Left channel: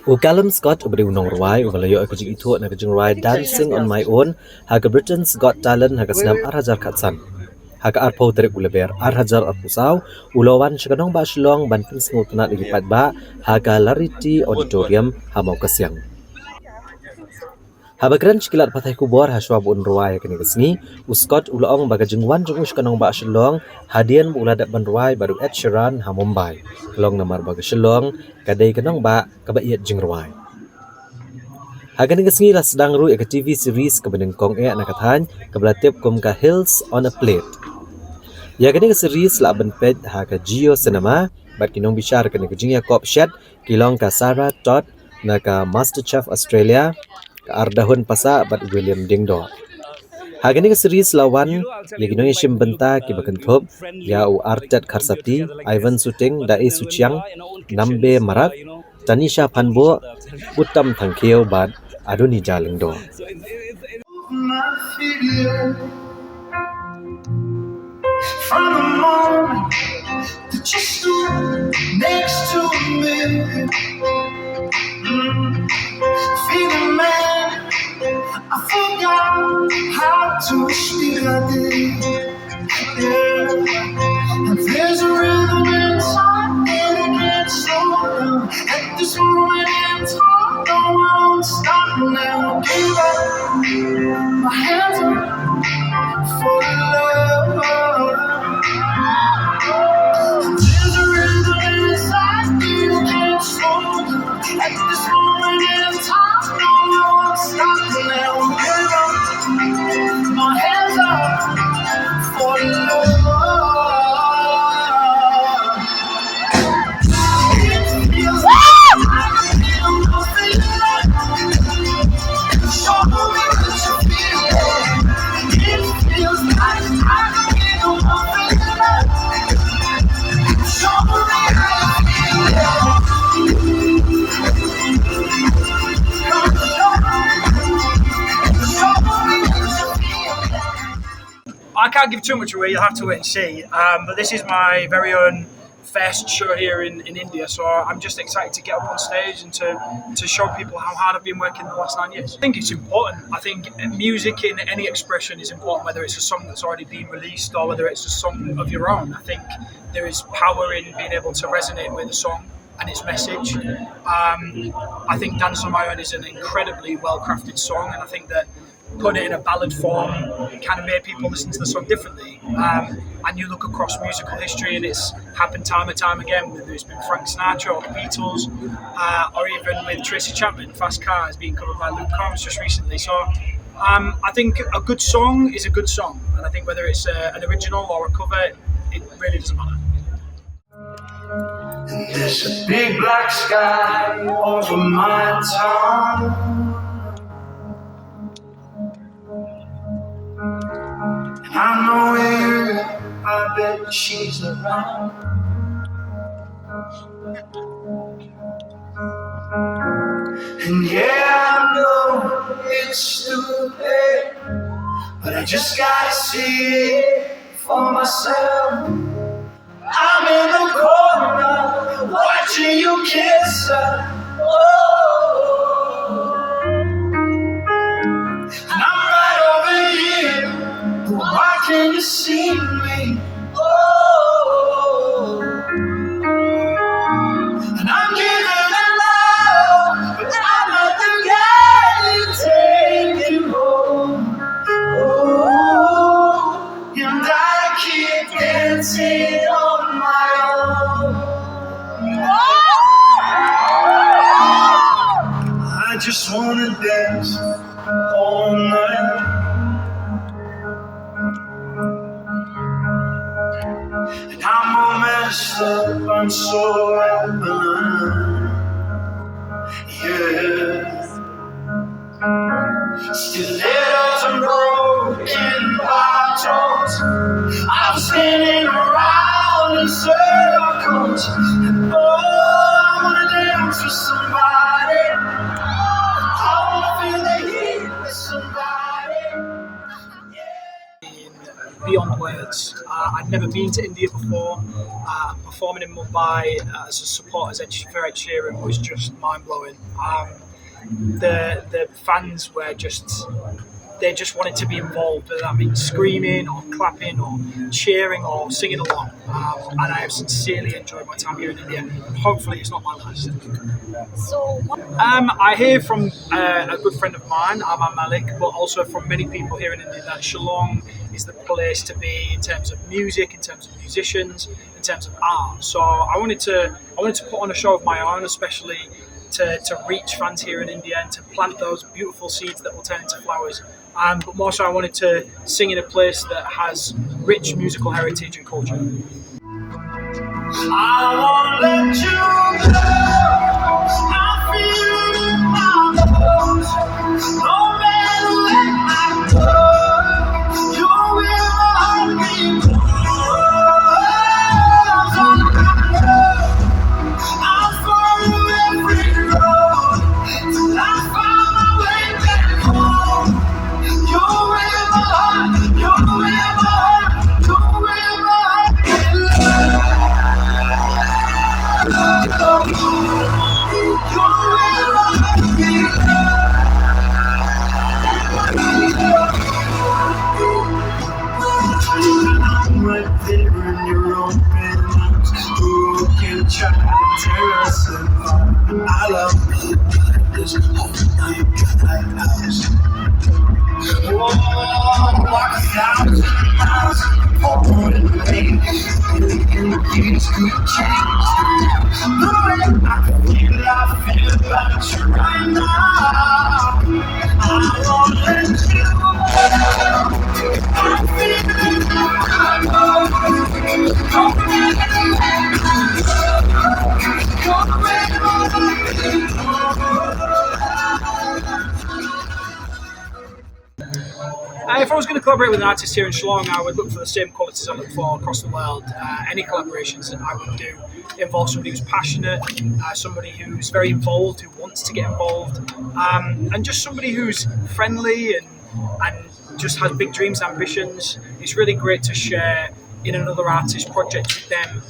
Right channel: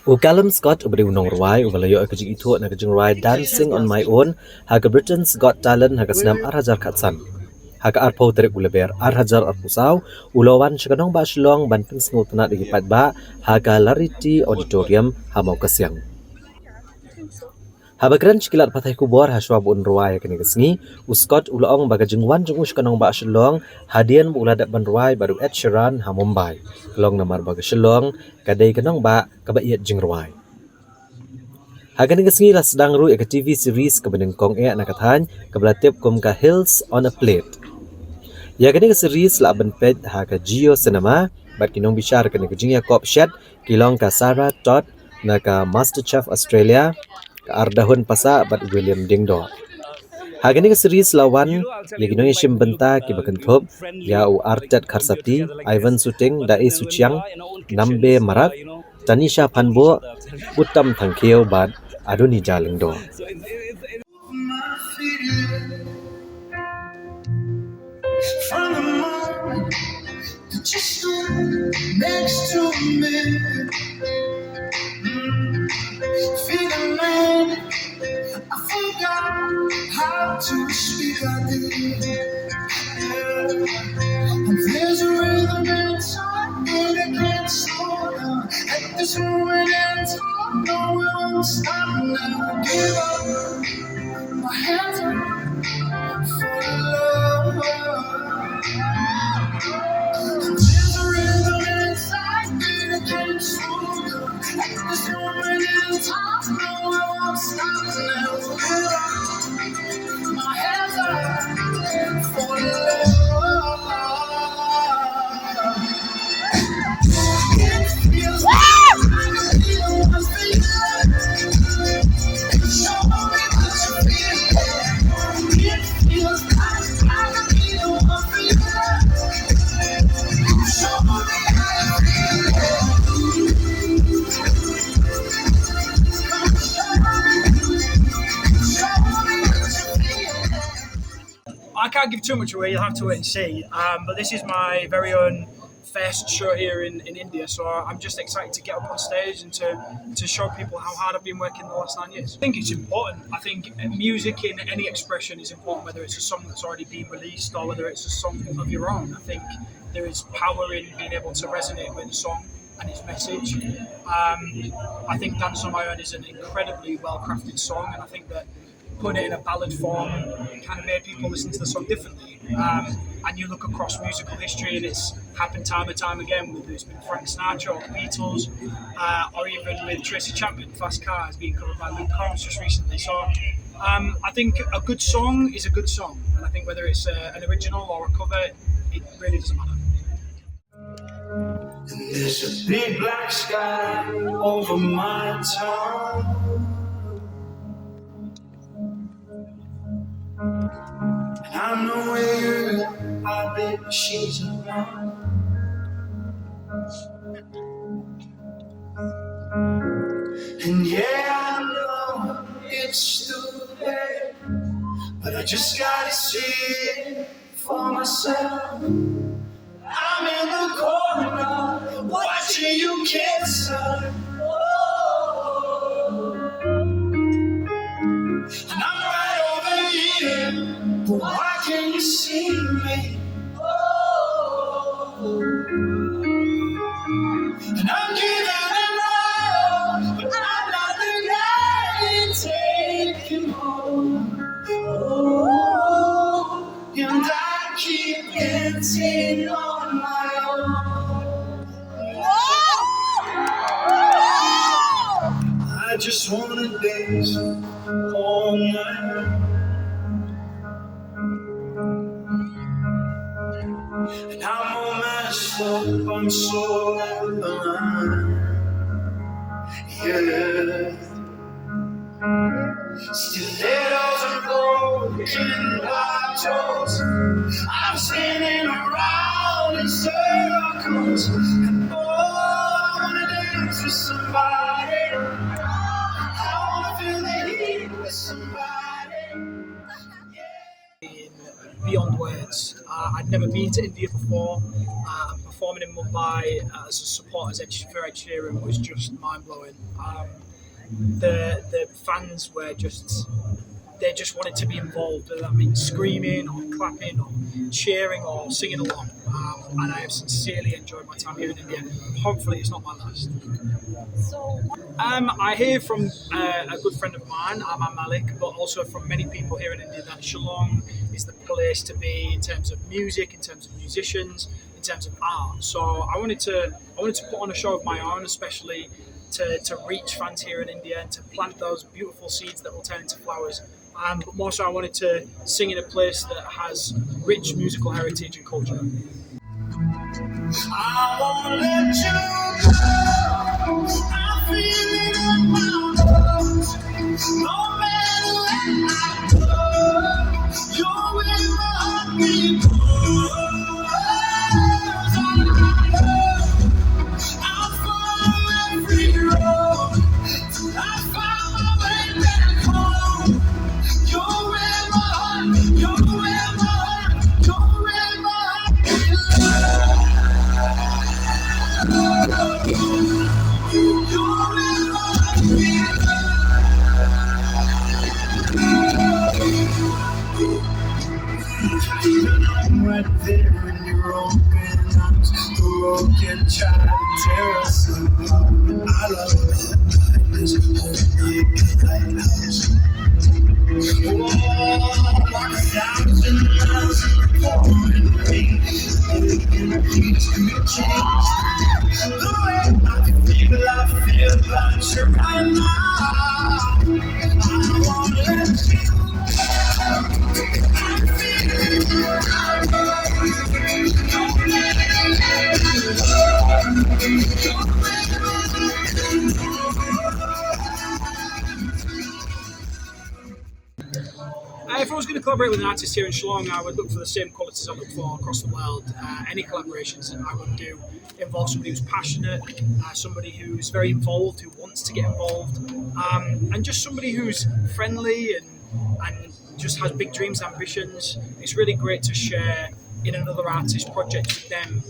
Calum Scott ubri Nongbah ubalayo aku jing itu nak Jingrwai dancing on my own haga Britain's Got Talent haga senam arhajar katsan haga arpau terik uleber arhajar arpusau ulawan shika Nongbah Shillong ban pinsngu tunat igipat ba haga Larity Auditorium hamau kasyang. Habagran cikilat patai kubor haswa bun ruai kini kesni Scott ulaong baga jingwan jung shika Nongbah Shillong hadian uladat ban ruai baru Ed Sheeran ha Mumbai kelong namar baga Shillong kadai ke Nongbah kabayat Jingrwai. Hagan ngasngi la sedang ru ek TV series kebeneng kong nakathan kebelatip kum ka Hills on a Plate. Ya gani series la ben pet ha ka Geo Cinema bat kinong bishar kene kejingya kop shed kilong ka Sarah Todd na ka MasterChef Australia ka ardahun pasa bat William Dingdo. Hagan series lawan ya kinong ishim benta ki bakentop ya u Artet Kharsati Ivan Suting da e Suchiang Nambe Marat Tanisha Panbo Uttam Thangkeu bat Adoni Jalingdo. From the moment that you stood next to me, feeling man, I forgot how to speak. I did, yeah. And there's a rhythm inside, and it can't slow down. At this moment in time, no, I won't stop now. Give up, my hands up for love. There's a rhythm inside, you can't slow down. At this moment in time, no, I won't stop now. Give up, my hands up for love. It feels like I feel nothing left. Show me what you feel. It feels like I feel nothing left. Show me how you feel. Show me what you feel. I can't give too much away, you'll have to wait and see. But this is my very own first show here in India, so I'm just excited to get up on stage and to show people how hard I've been working the last 9 years. I think it's important. I think music in any expression is important, whether it's a song that's already been released or whether it's a song of your own. I think there is power in being able to resonate with a song and its message. I think Dance on My Own is an incredibly well-crafted song, and I think that putting it in a ballad form can make people listen to the song differently. And you look across musical history and it's happened time and time again, whether it's been Frank Sinatra or the Beatles, or even with Tracy Chapman, Fast Car is being covered by Luke Combs just recently. So I think a good song is a good song, and I think whether it's an original or a cover, it really doesn't matter. And there's a big black sky over my town. And I know her, I bet she's around. And yeah, I know it's too late, but I just gotta see it for myself. I'm in the corner, watching you kiss her. Oh, and I'm right over here, but why can't you see me? Oh, and I'm giving it all, but I'm not the guy you take you home. Oh, and I keep dancing on my own. I just wanna dance all night. And I'm all messed up, I'm so blind. Yeah. Stilettos and broken bottles, I'm spinning around in circles. And oh, I wanna dance with somebody. I wanna feel the heat with somebody. Beyond words. I'd never been to to India before. Performing in Mumbai as a support for Ed Sheeran was just mind blowing. The fans were they just wanted to be involved, whether that means screaming or clapping or cheering or singing along. And I have sincerely enjoyed my time here in India. Hopefully, it's not my last. I hear from a good friend of mine, Aman Malik, but also from many people here in India that Shillong is the place to be in terms of music, in terms of musicians, in terms of art. So I wanted to put on a show of my own, especially to reach fans here in India and to plant those beautiful seeds that will turn into flowers. But more so, I wanted to sing in a place that has rich musical heritage and culture. I won't let you go. I feel it in my bones. No matter where I go, you're where my heart beats. I'll follow every road till I find my way back home. You're where my heart, you're where my heart, you're where my heart I'm right there in your open arms, broken child, tear us apart. I love this whole lighthouse. Whoa, walk 1,000 miles in the pouring rain. These could change the way I feel about you right now. I won't let you go. I feel it in my bones. Don't let me go. If I was going to collaborate with an artist here in Shillong, I would look for the same qualities I look for across the world. Any collaborations that I would do involve somebody who's passionate, somebody who's very involved, who wants to get involved, and just somebody who's friendly and just has big dreams and ambitions. It's really great to share in another artist's project with them,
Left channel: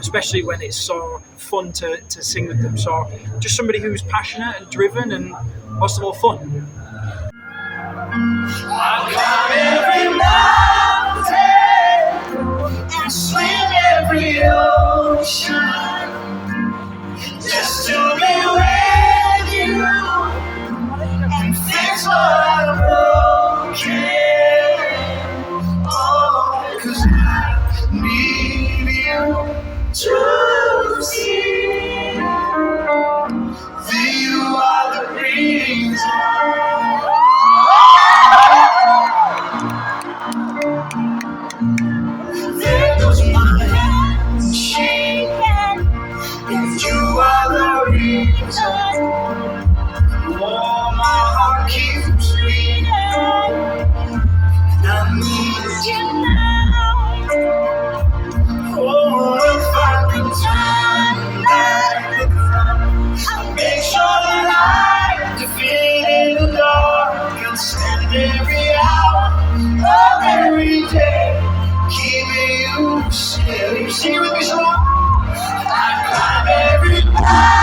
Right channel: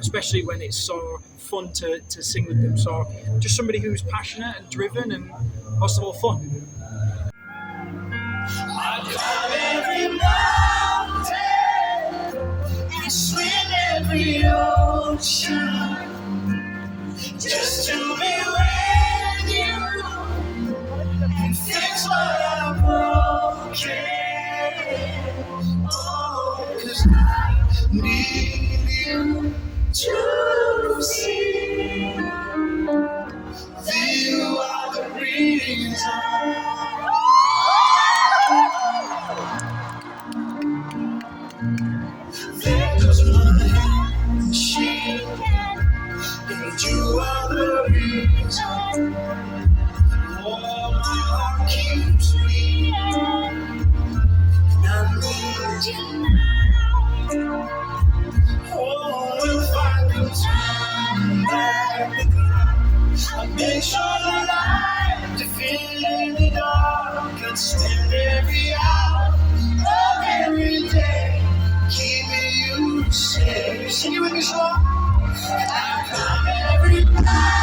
especially when it's so fun to sing with them. So just somebody who's passionate and driven and most of all fun. I'll climb every mountain and swim every ocean just to be with you and fix what I've broken. Oh, 'cause I need you to see that you are the reason. There goes my hand shaking, and you are the reason. Oh, my heart keeps beating, and I need you now. Oh, if I could turn back the clock, I'd make sure the light defeated the dark and spend every hour of every day keeping you safe. Sing it with me, Shillong. I'd climb every mountain